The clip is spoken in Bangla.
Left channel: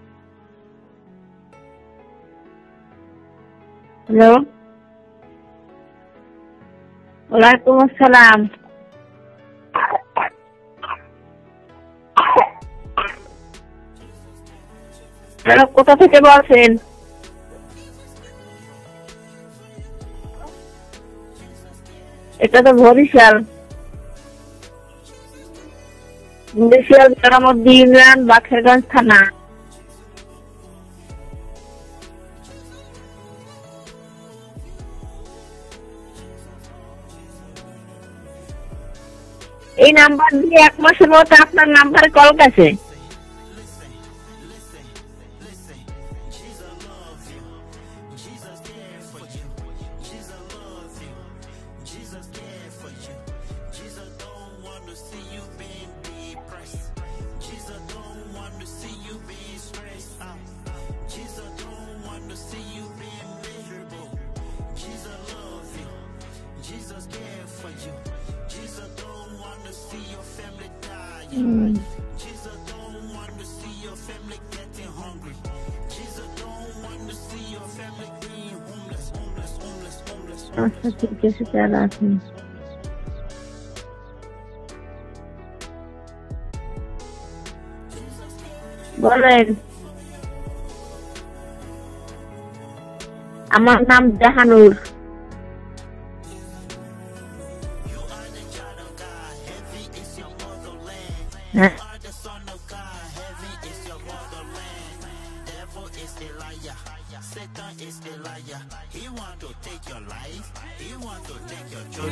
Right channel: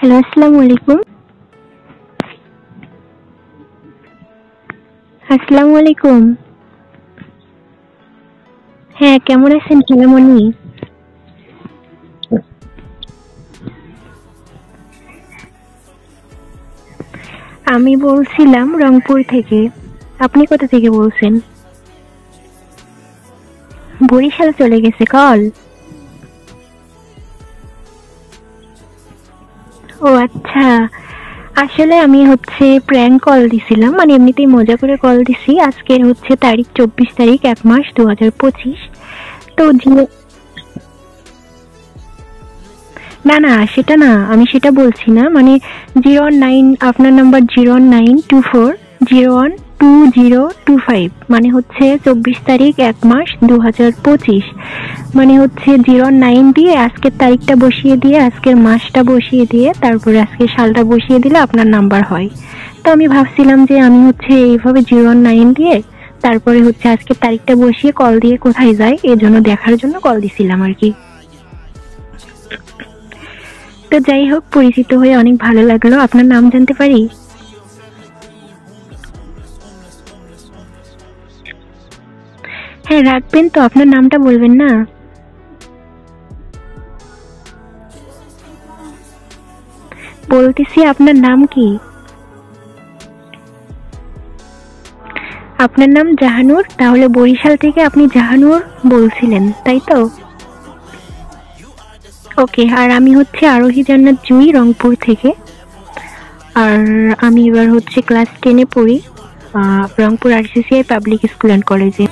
হ্যালো, আসসালামু আলাইকুম। হ্যালো, আসসালামু আলাইকুম। ওয়ালাইকুম আসসালাম। হ্যাঁ, কেমন আছেন খালামণি? কোথা থেকে বলছেন? আমি বলছিলাম রংপুর থেকে। আপনি কোথা থেকে বলছেন? এটা তো বরিশাল। বরিশাল চলে গেছে কল? বরিশাল জেলামধ্যে ইউনিয়ন বাখেরগঞ্জ থানা। ও আচ্ছা, আসলে আমি প্র্যাঙ্ক কল দিছিলাম, মানে এমনিতেই মজা করে কল দিছি। আজকের তারিখ 24 তারিখ 1 মাস 2025। তো এই নাম্বার দিয়ে 1 মাসের মধ্যে আপনার নাম্বারে কল গেছে? না না, সেটা না, আমি সেটা বলছি না। মানে 09, আপনার নাম্বার 0924012025, মানে 24 তারিখ 1 মাস 2025। মানে 09 দিয়ে আজকের তারিখটা বসিয়ে দিয়ে, আজকের মাসটা বসিয়ে দিয়ে, তারপরে আজকের সালটা বসিয়ে দিলে আপনার নাম্বার হয়। তো আমি ভাবছিলাম যে আমি এইভাবে 09 দিয়ে তারপরে আজকের তারিখটা বসিয়ে কল দিয়ে কোথায় যায়, এজন্য দেখার জন্য কল দিছিলাম আর কি। তো যাই হোক, পরিচিত হয়ে অনেক ভালো লাগলো। আপনার নাম জানতে পারি? আচ্ছা, ঠিক আছে, স্যার আসুন। হ্যাঁ, রাখবেন তো, আপনার নামটা বলবেন না? বলেন। বলতেছি, আপনার নাম কি? আমার নাম জাহানুর। আপনার নাম জাহানুর? তাহলে বরিশাল থেকে আপনি জাহানুর বলছিলেন, তাই তো? হ্যাঁ। ওকে। আর আমি আরোহী জান্নাত জুই, রংপুর থেকে। আর আমি এবার ক্লাস 10-এ পড়ি, Rangpur RCCI public school and কলেজে।